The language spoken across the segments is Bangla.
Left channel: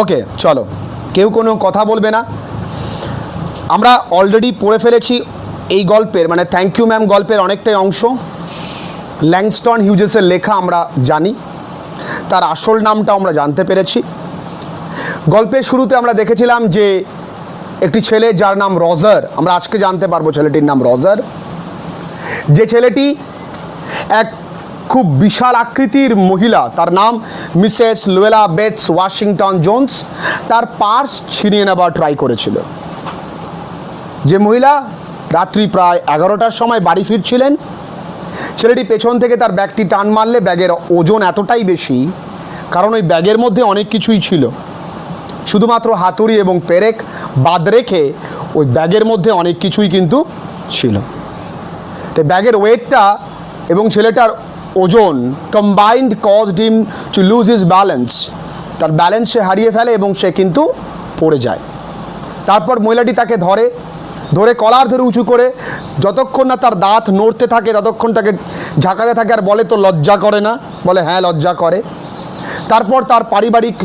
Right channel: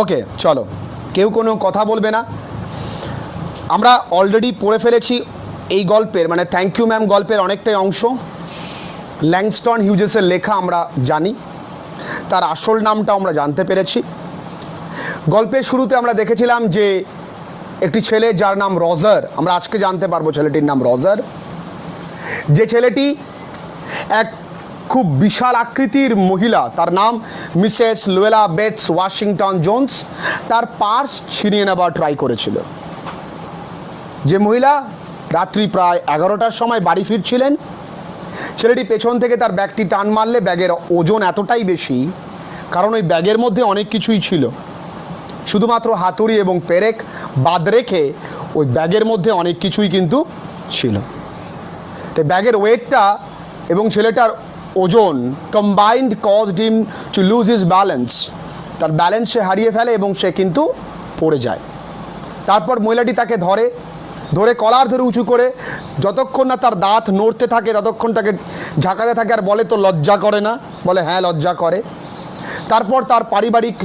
ওকে, চলো, কেউ কোনো কথা বলবে না। আমরা অলরেডি পড়ে ফেলেছি এই গল্পের, মানে থ্যাংক ইউ ম্যাম গল্পের অনেকটাই অংশ। ল্যাংস্টন হিউজেসের লেখা আমরা জানি, তার আসল নামটা আমরা জানতে পেরেছি। গল্পের শুরুতে আমরা দেখেছিলাম যে একটি ছেলে যার নাম রজার, আমরা আজকে জানতে পারবো ছেলেটির নাম রজার। যে ছেলেটি এক খুব বিশাল আকৃতির মহিলা, তার নাম Mrs Luella Bates Washington Jones, তার পার্স ছিনিয়ে নেবার ট্রাই করেছিল। যে মহিলা রাত্রি প্রায় 11টার সময় বাড়ি ফিরছিলেন, ছেলেটি পেছন থেকে তার ব্যাগটি টান মারলে ব্যাগের ওজন এতটাই বেশি, কারণ ওই ব্যাগের মধ্যে অনেক কিছুই ছিল, শুধুমাত্র হাতুড়ি এবং পেরেক বাদ রেখে ওই ব্যাগের মধ্যে অনেক কিছুই কিন্তু ছিল। তো ব্যাগের ওয়েটটা এবং ছেলেটার ওজন combined caused him to lose his balance, তার ব্যালেন্স সে হারিয়ে ফেলে এবং সে কিন্তু পড়ে যায়। তারপর মহিলাটি তাকে ধরে কলার ধরে উঁচু করে যতক্ষণ না তার দাঁত নড়তে থাকে ততক্ষণ তাকে ঝাঁকাতে থাকে আর বলে, তো লজ্জা করে না? বলে, হ্যাঁ লজ্জা করে। তারপর তার পারিবারিক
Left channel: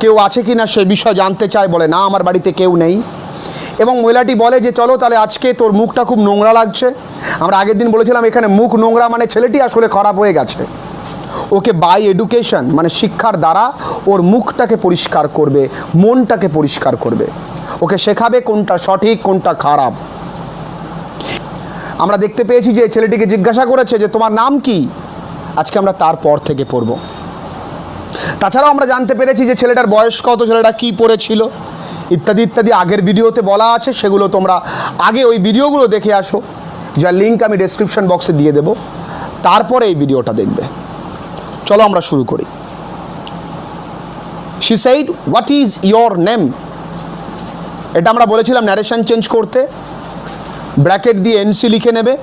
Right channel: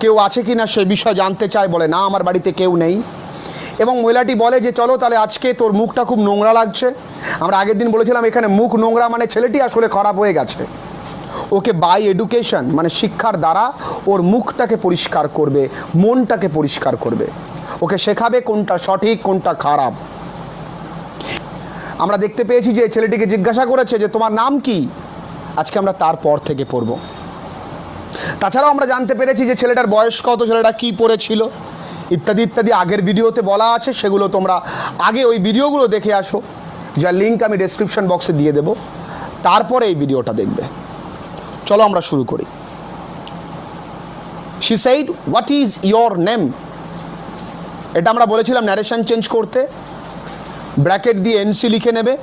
কেউ আছে কি না সে বিষয় জানতে চায়, বলে না আমার বাড়িতে কেউ নেই। এবং মহিলাটি বলে যে চলো তাহলে আজকে তোর মুখটা খুব নোংরা লাগছে। আমরা আগের দিন বলেছিলাম এখানে মুখ নোংরা মানে ছেলেটি আসলে খারাপ হয়ে গেছে। ওকে বাই এডুকেশন মানে শিক্ষার দ্বারা ওর মুখটাকে পরিষ্কার করবে, মনটাকে পরিষ্কার করবে, ওকে শেখাবে কোনটা সঠিক কোনটা খারাপ। আমরা দেখতে পেয়েছি যে ছেলেটিকে জিজ্ঞাসা করেছে যে তোমার নাম কি, আজকে আমরা তারপর থেকে পড়ব। তাছাড়াও আমরা জানতে পেরেছি যে ছেলেটার বয়স কত, ছেলেটা কী পড়েছিল ইত্যাদি ইত্যাদি আগের ভিডিওতে বলা আছে, সেগুলো তোমরা আগে ওই ভিডিওগুলো দেখে আসো, যার লিঙ্ক আমি ডেসক্রিপশন বক্সে দিয়ে দেবো, তারপরে এই ভিডিওটা দেখবে। চলো আমরা শুরু করি। She said what is your name, এটা আমরা বলেছিলাম ন্যারেশন চেঞ্জ করতে ব্র্যাকেট দিয়ে এনসি লিখে নেবে।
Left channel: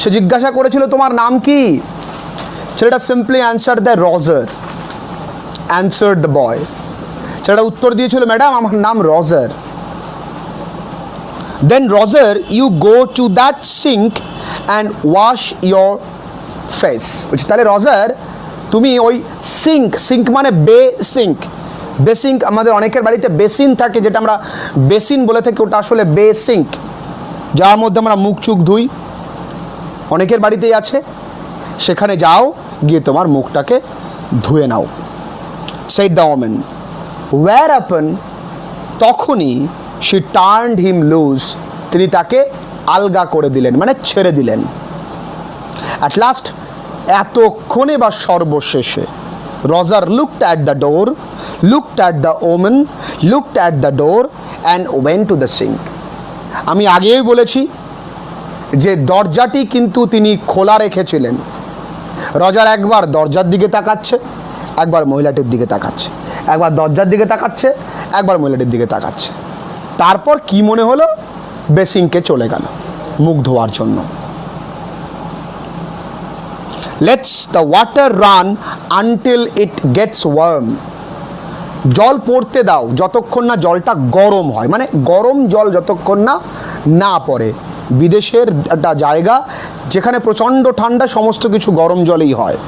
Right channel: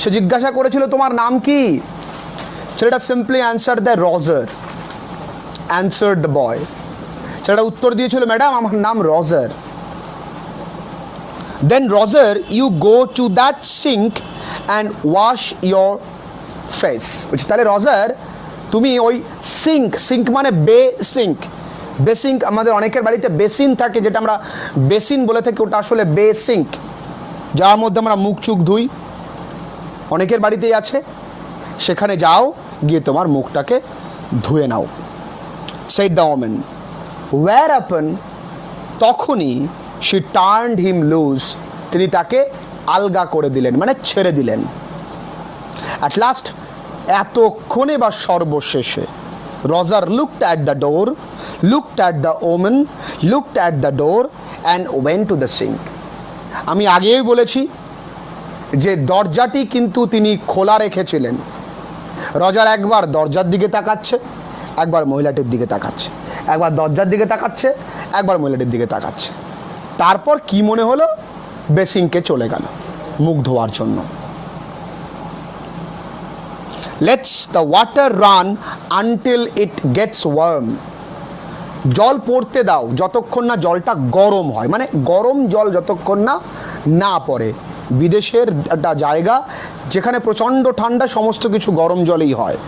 সে জিজ্ঞাসা করেছিল তোমার নাম কি, ছেলেটা simply answer the Roger, answer the boy. ছেলেটা উত্তর দিয়েছিল ম্যাডাম আমার নাম Roger. Then Roger you go to that sink and wash your face. বলছি তাহলে রজার তুমি ওই সিঙ্ক মানে বেসিঙ্ক, বেসিঙ্ক আমাদের অনেকের বাড়িতে বেসিন থাকে, যেটা আমরা বেসিন বলে থাকি, ওটা আসলে বেসিঙ্ক, যার মধ্যে আমরা মুখ চুখ ধুই, অনেকের বাড়িতেই আছে। সেখানে যাও, গিয়ে তোমার মুখটাকে ধুয়ে নাও। said the woman, whereupon তখনই she turned him loose, তিনি তাকে আলগা করে দিলেন মানে ছেড়ে দিলেন। at last এতক্ষণে বা সর্বশেষে Roger looked at the door, looked at the woman, looked at the door and went to the sink. আমি আগেই বলেছি যে দরজাটি কিন্তু তিনি খোলা রেখেছিলেন। রজার একবার দরজার দিকে তাকাচ্ছে, একবার মহিলাটির দিকে তাকাচ্ছে, একবার দরজার দিকে তাকাচ্ছে, একবার মহিলাটির দিকে তাকাচ্ছে। তারপর কি মনে হলো, বেসিনকে চলে গেল মুখ ধোয়ার জন্য। Let's the water run until it gets warm, জল পড়তে দাও যতক্ষণ না জলটা গরম হয়, মানে গরম জল যতক্ষণ না না পড়ে। বিদেশের একটা জায়গা যেখানে প্রচণ্ড ঠান্ডা, সমস্ত কিছু গরম জলেই হয়।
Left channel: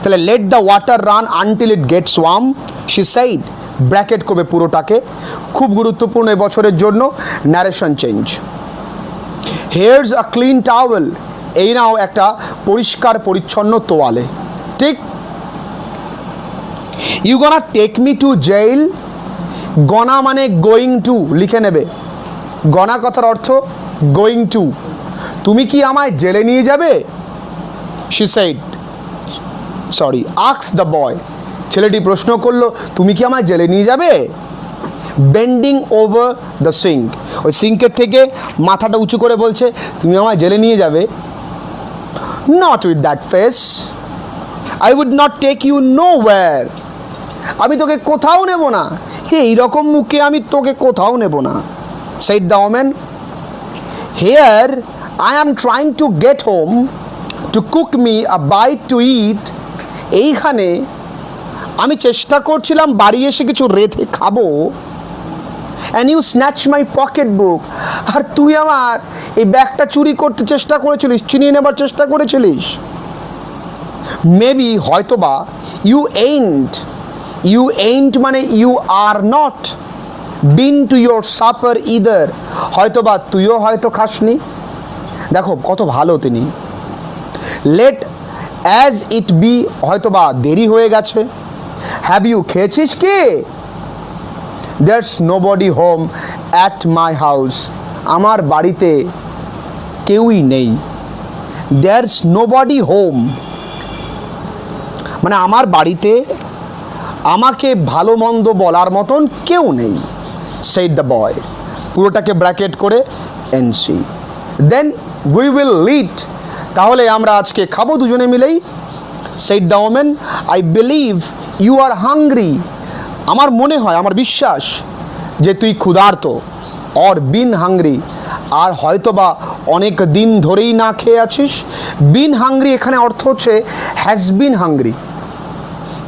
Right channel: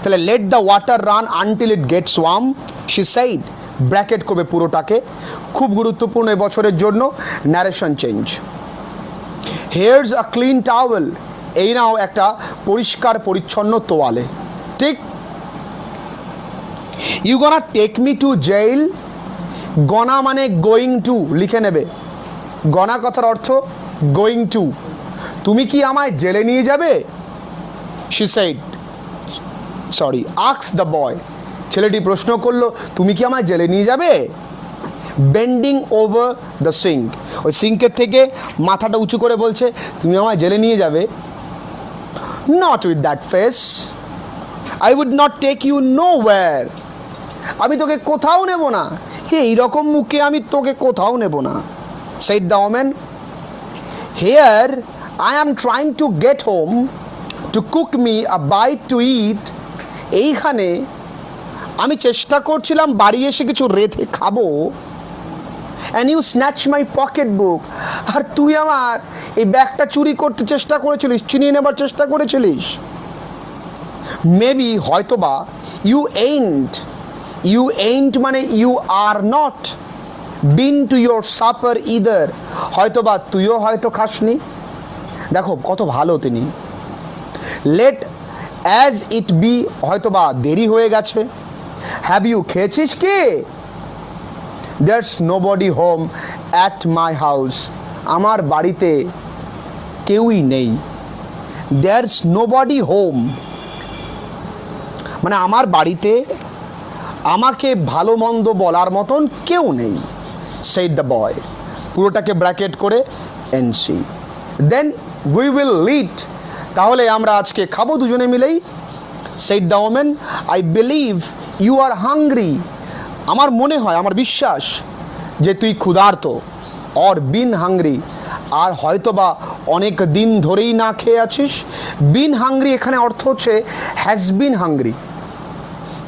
তাহলে let the water run until it gets warm, she said, bracket করবে পুরোটাকে, খুব গুরুত্বপূর্ণ এবছরের জন্য narration change. Here's a clean towel, এই নাও একটা পরিষ্কার পরিচ্ছন্ন তোয়ালে, ঠিক। You gonna take me to jail, gonna মানে গোয়িং টু, লিখে নেবে। গনা কথার অর্থ গোয়িং টু, তুমি কি আমায় জেলে নিয়ে যাবে? She said, sorry ask the boy, ছেলেটি প্রশ্ন করলো তুমি কি আমায় জেলে নিয়ে যাবে? বেন্ডিং ওভার দ্য সিঙ্ক, ওই সিঙ্কের থেকে মাথাটা উঁচু করে বলছে তুমি আমায় জেলে নিয়ে যাবে? Not with that face, I would not take you nowhere, আমি তোকে কোথাও নেব না, এইরকম মুখে আমি তোকে কোথাও নেব না। said the woman, here I am trying to get home to cook me a bite to eat, এইখানে আমি চেষ্টা করছিলাম বাড়ি এসে কিছু রেঁধে খাবো, and you snatch my pocket book, আর তুই আমার এই ব্যাগটা চুরি করতে চেষ্টা করেছিলিস, ছিনিয়ে নেবার চেষ্টা করেছিলিস। মেবি হয়তোবা, you ain't, ইউ ain't মানে you are not, been to your supper either, হয়তো বা তুইও হয়তো খাসনি। দেখো কত ভালো তিনি। লেট অ্যাজ ইট বি, হয়তো বা দেরি হয়ে গেছে। হ্যাভ ইউ, খেয়েছিস কি? There's nobody home at my house, আমার বাড়িতে কেউই নেই। দেয়ারস নো বডি হোম মানে আমার বাড়িতে আমাকে ভালো মন্দ বলার মতন কেউ নেই। সেইড দ্য বয়, পুরোটাকে ব্র্যাকেট করে এনসি। দেন উই উইল লিড, তাহলে আমরা আজকে খাবো দুজনে মিলেই। Said the women, I believe you are hungry, আমার মনে হয়, আমার বিশ্বাস যে তুই ক্ষুধার্ত। অর বিন হাংরি, আর হয়তো বা অনেক দিন ধরেই না খেয়ে আছিস। বিন হাংরি এখানে অর্থ হচ্ছে has been hungry.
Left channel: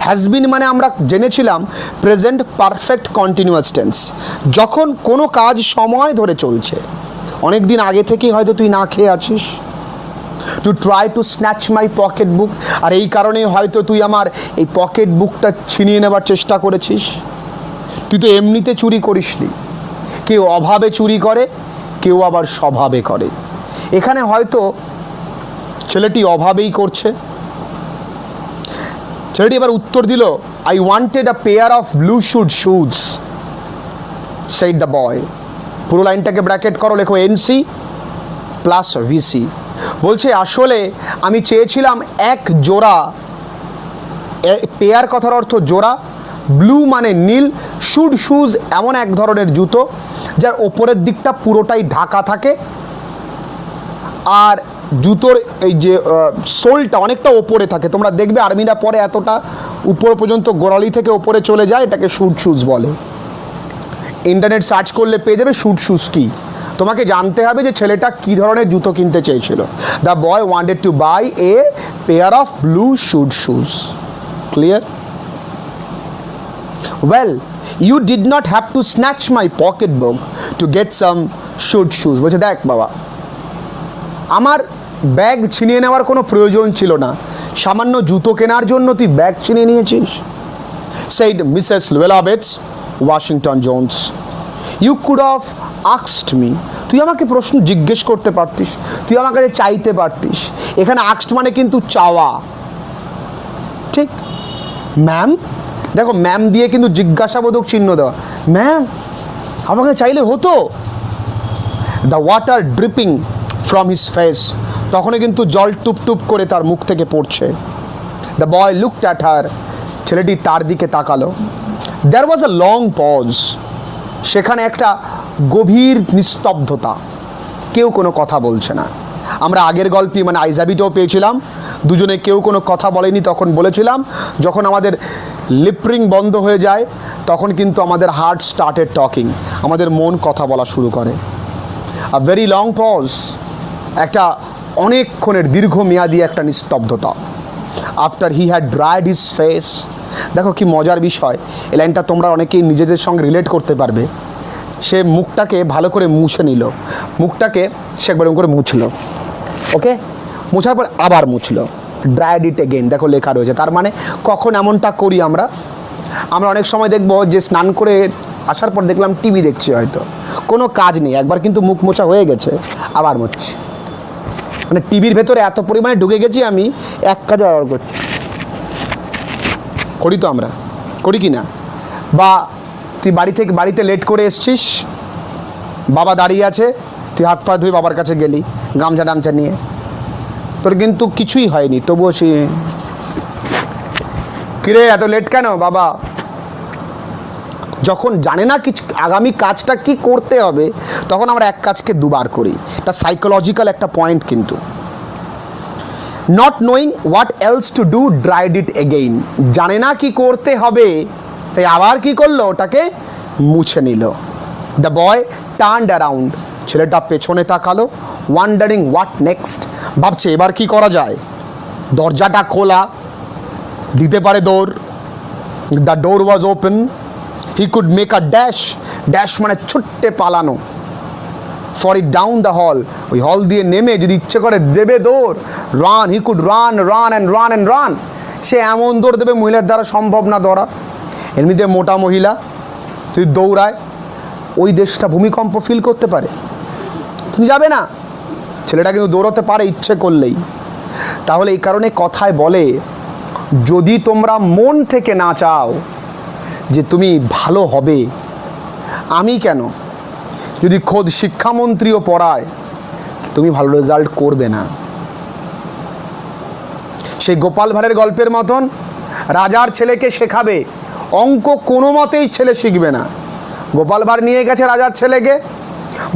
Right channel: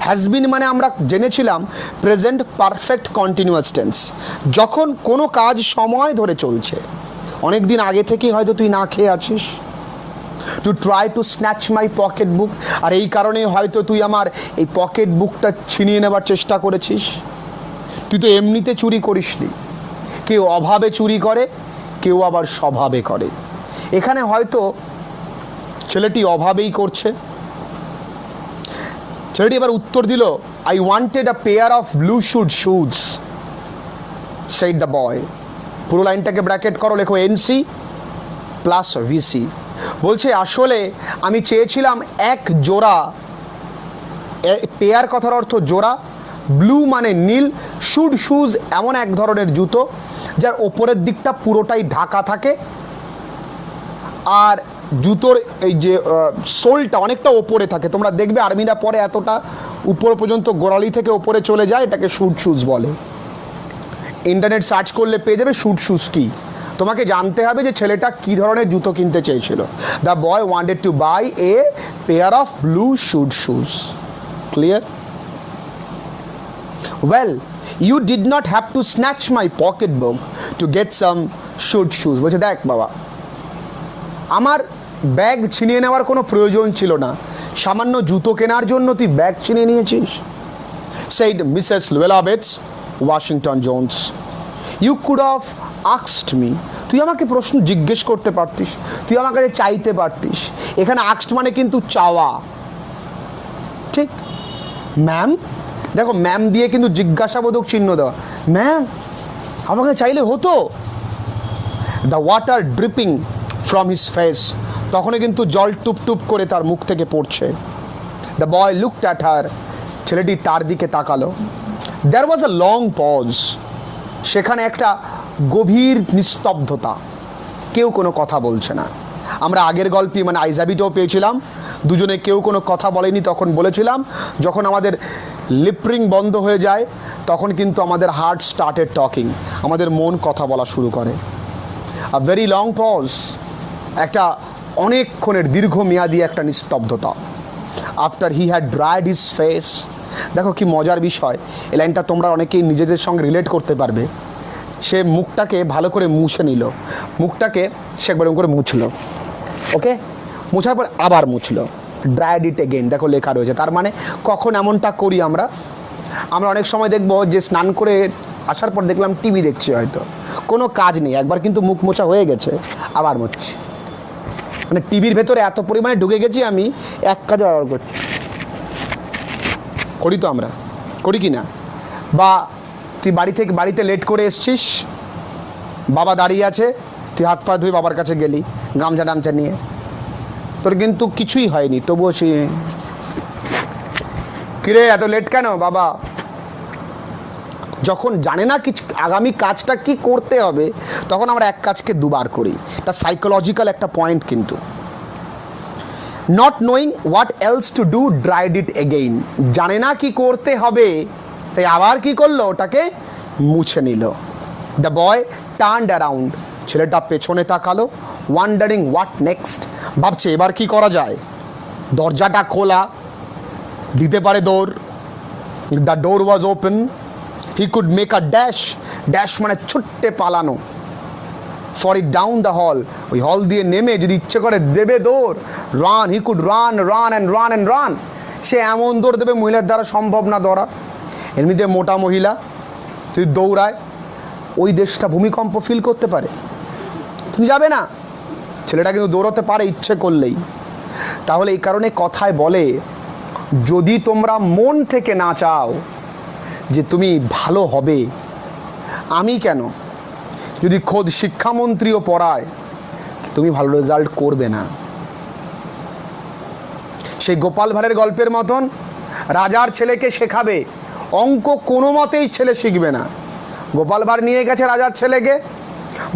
Has been মানে আমরা জেনেছিলাম প্রেজেন্ট পারফেক্ট কন্টিনিউয়াস টেন্স, যখন কোনো কাজ সময় ধরে চলছে, অনেক দিন আগে থেকেই হয়তো তুই না খেয়ে আছিস। To try to snatch my pocket book, আর এই কারণেই হয়তো তুই আমার এই পকেট বুকটা ছিনিয়ে নেবার চেষ্টা করেছিস। তুই তো এমনিতে চুরি করিসনি, কেউ অভাবে চুরি করে, কেউ আবার স্বভাবে করে। এখানে হয়তো ছেলেটি অভাবেই করছে। ছেলেটি এবার উত্তর দিল, I wanted a pair of blue suede shoes, said the বয়। পুরো লাইনটাকে ব্র্যাকেট করো, লেখো এনসি প্লাস ভিসি। বলছে আসলে আমি চেয়েছিলাম এক জোড়া, পেয়ার কথার অর্থ জোড়া, ব্লু মানে নীল, শুড শুজ এমন এক ধরনের জুতো যার ওপরের দিকটা পুরোটাই ঢাকা থাকে, আর জুতোর এই যে সোলটা অনেকটা ওপরে থাকে। তোমরা দেখবে আর্মিরা পরে এতটা উপর পর্যন্ত গোড়ালি থেকে ওপরে চলে যায়, এটাকে শুড শুজ বলে। ইন্টারনেট সার্চ করলে পেয়ে যাবে শুড শুজ কি। তোমাকে জানতে হবে যে ছেলেটা কী ধরনের জুতো কিনতে চেয়েছিল। The boy wanted to buy a pair of blue suede shoes. Clear? Well you did not have to snatch my pocket book to get some suede shoes. বলছে দেখ বাবা, আমার ব্যাগ ছিনিয়ে নেওয়ার কোনো প্রয়োজন ছিল না, সামান্য জুতো কেনার জন্য তুই ব্যাগ ছিনিয়ে নিয়েছিস। Said Mrs Luella Bates Washington Jones. You could of আক্সড মি, তুই আমাকে প্রশ্ন জিজ্ঞেস করতে পারতিস, তুই আমার কাছে চাইতে পারতিস। এখানে আক্সড মানে কিন্তু চাওয়া, ঠিক? ম্যাম, দেখো ম্যাম দিয়ে কিন্তু জিজ্ঞাসাবোধক চিহ্ন দেওয়া। ম্যাম, আমাকে চাইলে হতো। The water dripping from his face, তখনই কিন্তু জল টুপ টুপ করে তার মুখ থেকে পড়ছে। The boy looked at her, ছেলেটি তার দিকে তাকালো। দেয়ার ওয়াজ আ লং পজ, সেখানে একটা গভীর নিস্তব্ধতা, কেউ কোনো কথা বলছে না। আমরা আগের গল্পে মানে আইজাবিটাও পেয়েছিলাম, দুজনে কেউ কোনো কথা বলেনি। তখন বলেছিলাম যখন আমাদের লিপরিং বন্ধ হয়ে যায় তখন কিন্তু আমাদের হার্ট স্টার্টেড টকিং, আমাদের মন কথা বলা শুরু করে। আ ভেরি লং পজ, একটা অনেকক্ষণের দীর্ঘমেয়াদী একটা নিস্তব্ধতা। After he had dried his face, দেখো কি মজার বিষয়, এই লাইনটা তোমরা অনেকেই নিজেদের সঙ্গে রিলেট করতে পারবে। সে মুখটাকে ভালো করে মুছে নিল, মুখটাকে সে একবার করে মুছলো, ওকে, মুছার পর আবার মুছলো। ড্রাইড ইট এগেইন, দেখো লেখা রয়েছে। তার মানে কখন এমনটা করি আমরা অনেক সময় দেখবো যে স্নান করে আসার পর দেখলাম টিভি দেখছি, হয়তো কোনো কাজ নেই, একবার কিন্তু মুখ মোছা হয়ে গেছে, আবার মুছছি। মানে টিভির ভেতরে এত পরিমাণে ঢুকে গেছি আমি, এক কাজে আবার করছি। করি তো আমরা, করি কি না? বা তুই বাড়িতে লেট করে এসছিস, বাবা দাঁড়িয়ে আছে, তুই হাত পা ধুয়ে বাবার কাছে গেলি গামছা টামছা নিয়ে, তোর কিন্তু কিছুই হয়নি, তবুও সে কিরে এত লেট কেন বাবা? যখন জানে না কিছু আগামী কাজটা কি করতে হবে, তখন আমরা এক কাজকে দুবার করি। এটা সাইকোলজিক্যাল একটা পয়েন্ট কিন্তু। Not knowing what else to do dried it again, জানে না কি করতে হবে তাই আবার কি করলো, ওটাকে মুছে নিল। দ্য বয় টার্নড অ্যারাউন্ড, ছেলেটা পেছনে তাকালো। ওয়ান্ডারিং হোয়াট নেক্সট, ভাবছে এবার কি করা যায়। দরজাটা খোলা, দিতে পারে দৌড়। The door was open, he could make a dash, dash মানে ছুট্টে পালানো। For it down the hall, ওই হল দিয়ে নেমে যদি ইচ্ছে করে দেবে দৌড়। Run, he could run run and run and run, সে এমন দৌড় দেবে মহিলার দ্বারা সম্ভব না দৌড়া। এমনিতে মোটা মহিলা যদি দৌড়ায় ওই দেশটা ভূমিকম্প ফিল করতে পারে, তুমি যাবে না। ছেলেটা কিন্তু দৌড়াতে পারে ইচ্ছে করলেই। তাহলে এই কারণে কথায় বলে, যদি তোমরা মন থেকে না চাও যে তুমি ভালো হবে, আমি কেন, যদি খোদ শিক্ষামন্ত্রীও পড়ায়, তুমি ভালো রেজাল্ট করবে না। সেই গোপাল ভাঁড়ের গল্পের মতন রাজার ছেলেকে শেখাবে অঙ্ক, কোনো মতেই ছেলে শিখবে না। গোপাল ভাঁড় নিয়ে গেছে রাজার ছেলেকে,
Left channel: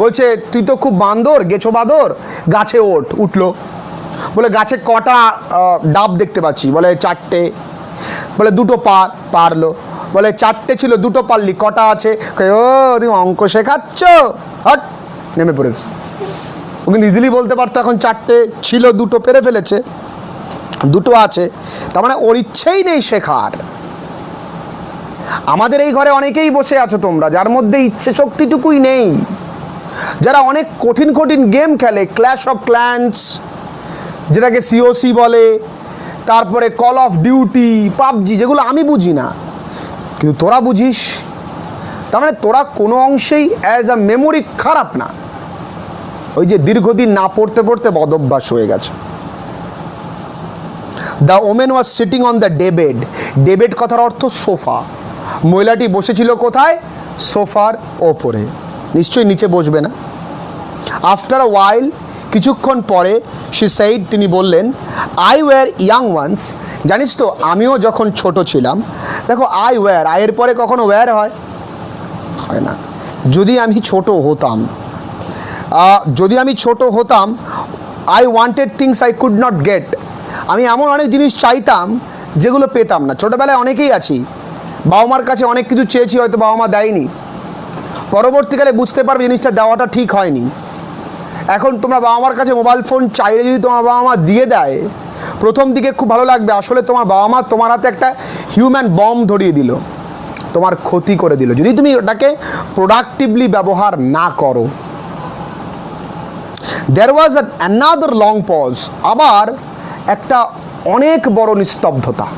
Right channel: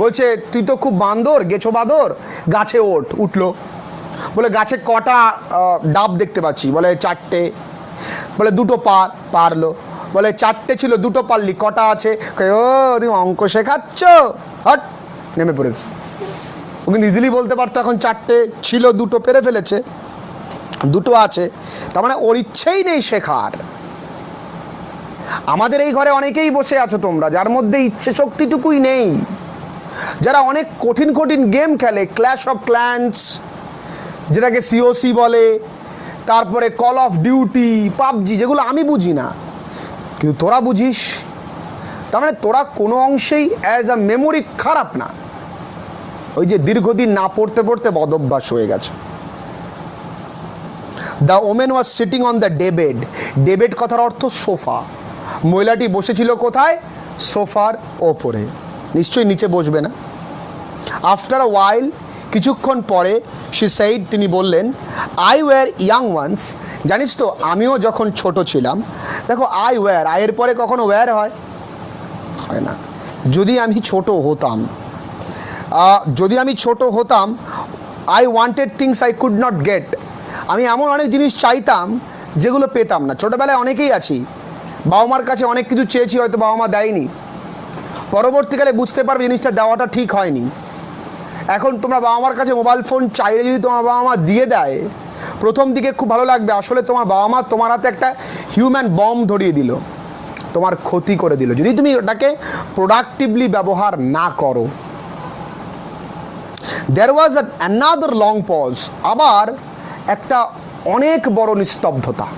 বলছে তুই তো খুব বান্দর, গেছো বাঁদর, গাছে উঠলো। বলে গাছে কটা ডাব দেখতে পাচ্ছি? বলে 4টে। বলে 2টো পারলো। বলে 4টে ছিল, 2টো পারলি, কটা আছে? ও তুমি অঙ্ক শেখাচ্ছ, হট, নেমে পড়েছে। ও কিন্তু ইজিলি বলতে পারতো এখন 4টে ছিল, 2টো পেরে ফেলেছে, 2টো আছে, তার মানে ওর ইচ্ছেই নেই শেখার। আমাদের এই ঘরে অনেকেই বসে আছো তোমরা, যার মধ্যে ইচ্ছে শক্তিটুকুই নেই, যারা অনেক কঠিন কঠিন গেম খেলে, ক্ল্যাশ অফ ক্ল্যান্স যেটাকে সিওসি বলে, তারপরে কল অফ ডিউটি, পাবজি, যেগুলো আমি বুঝি না কিন্তু তোরা বুঝিস। তার মানে তোরা কোনো অংশেই অ্যাজ আ মেমোরি খারাপ না, ওই যে দীর্ঘদিন না পড়তে পড়তে বদভ্যাস হয়ে গেছে। The woman was sitting on the daybed. Daybed কথার অর্থ সোফা। মহিলাটি বসেছিল কোথায়? সোফার ওপরে, নিশ্চয়ই নিচে বসবে না। আফটার আ ওয়াইল, কিছুক্ষণ পরে, শি সেইড, তিনি বললেন, আই ওয়্যার ইয়াং ওয়ান্স, জানিস তো আমিও যখন ছোট ছিলাম। দেখো, আই ওয়্যার, আয়ের পরে কখনো ওয়্যার হয় না। যদি আমি ছোট হতাম, I wanted things I could not get, আমি এমন অনেক জিনিস চাইতাম যেগুলো পেতাম না। ছোটোবেলায় অনেকেই আছি, বাবা মার কাছে অনেক কিছু চেয়েছি, হয়তো বাবা মা দেয়নি, পরবর্তীকালে বুঝতে পারবে জিনিসটা দেওয়াটা ঠিক হয়নি। এখন তোমরা বাবা মার কাছে মোবাইল ফোন চাইলে যদি তোমার বাবা মা দিয়ে দেয়, প্রথম দিকে খুব ভালো লাগবে, আসলে তোমার বাবা মা তোমার হাতে একটা হিউম্যান বম্ব ধরিয়ে দিল, তোমার ক্ষতি করে দিল, যদি তুমি ওটাকে প্রোডাক্টিভলি ব্যবহার না করো। দেয়ার ওয়াজ অ্যানাদার লং পজ, আবার একটা অনেক বড় নিস্তব্ধতা।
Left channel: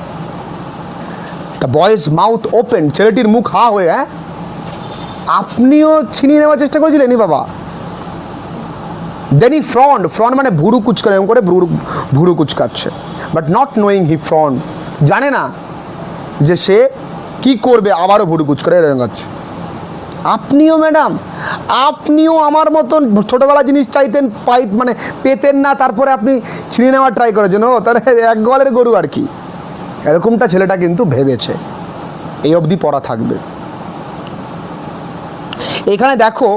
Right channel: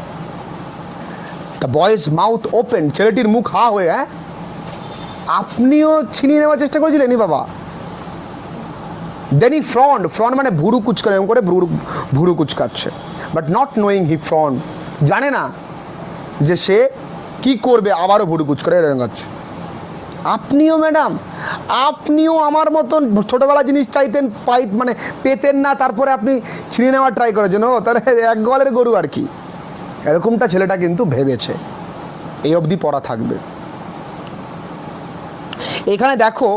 দ্য বয়েজ মাউথ ওপেন, ছেলেটির মুখ হা হয়ে, হ্যাঁ আপনিও ছিনিয়ে নেওয়ার চেষ্টা করেছিলেন বাবা? দেন হি ফ্রন্ট মানে ভুরু কুচকানো, এরকম করে ভুরু কুচকাচ্ছে, but not knowing he frowned, জানে না যে সে কি করবে, আবারও ভুরু কুচকানো এরকম করছে। আপনিও ম্যাডাম, আপনিও আমার মতন ছোটোবেলা জিনিস চাইতেন, মানে পেতেন না, তারপরে আপনি ছিনিয়ে নেওয়ার ট্রাই করেছেন, ও তাহলে এক গোয়ালের গরু আর কি। এরকমটা ছেলেটা কিন্তু ভেবেছে। এই অবধি পড়া থাকবে। এখানে দেখো,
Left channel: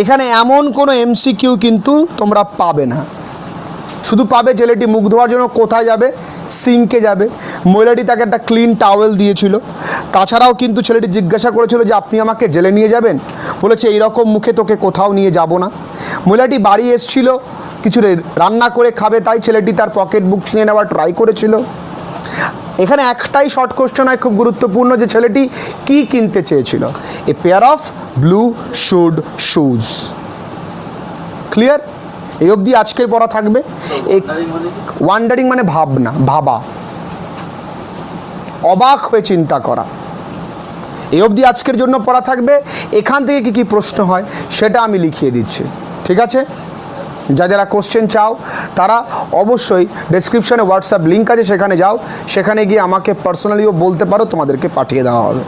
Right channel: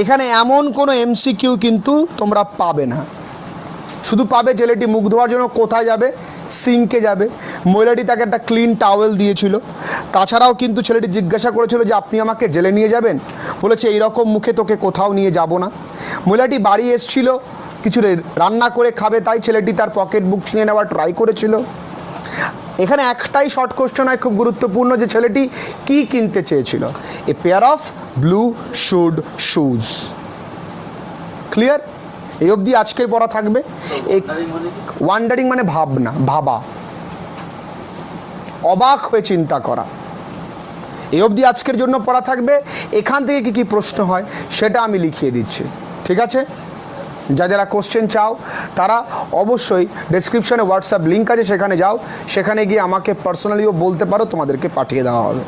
এখানে এমন কোনো এমসিকিউ কিন্তু তোমরা পাবে না, শুধু পাবে ছেলেটি মুখ ধোয়ার জন্য কোথায় যাবে, সিঙ্কে যাবে। মহিলাটি তাকে একটা ক্লিন টাওয়েল দিয়েছিল। তাছাড়াও কিন্তু ছেলেটি জিজ্ঞাসা করেছিল যে আপনি আমাকে জেলে নিয়ে যাবেন, বলেছে এইরকম মুখে তোকে কোথাও নিয়ে যাব না। মহিলাটি বাড়ি এসেছিল কিছু রান্না করে খাবে, তাই ছেলেটি তার পকেট বুক ছিনিয়ে নেওয়ার ট্রাই করেছিল। এখানে একটাই শর্ট কোশ্চেন হয় খুব গুরুত্বপূর্ণ, যে ছেলেটি কি কিনতে চেয়েছিল? এ pair of blue shoes. Clear? এই অবধি আজকের পড়া থাকবে। ওয়ান্ডারিং মানে ভাবা, অবাক হয়ে চিন্তা করা। এই অবধি আজকের জন্য পড়া থাকবে। এখান থেকে কি কি প্রশ্ন হয় সেটা আমি লিখিয়ে দিচ্ছি, ঠিক আছে? যারা কোশ্চেন চাও তারা অবশ্যই ডেসক্রিপশনে হোয়াটসঅ্যাপ লিঙ্ক আছে, সেখানে যাও, সেখানে গিয়ে আমাকে পার্সোনালিও বলতে পারো, তোমাদেরকে পাঠিয়ে দেওয়া হবে।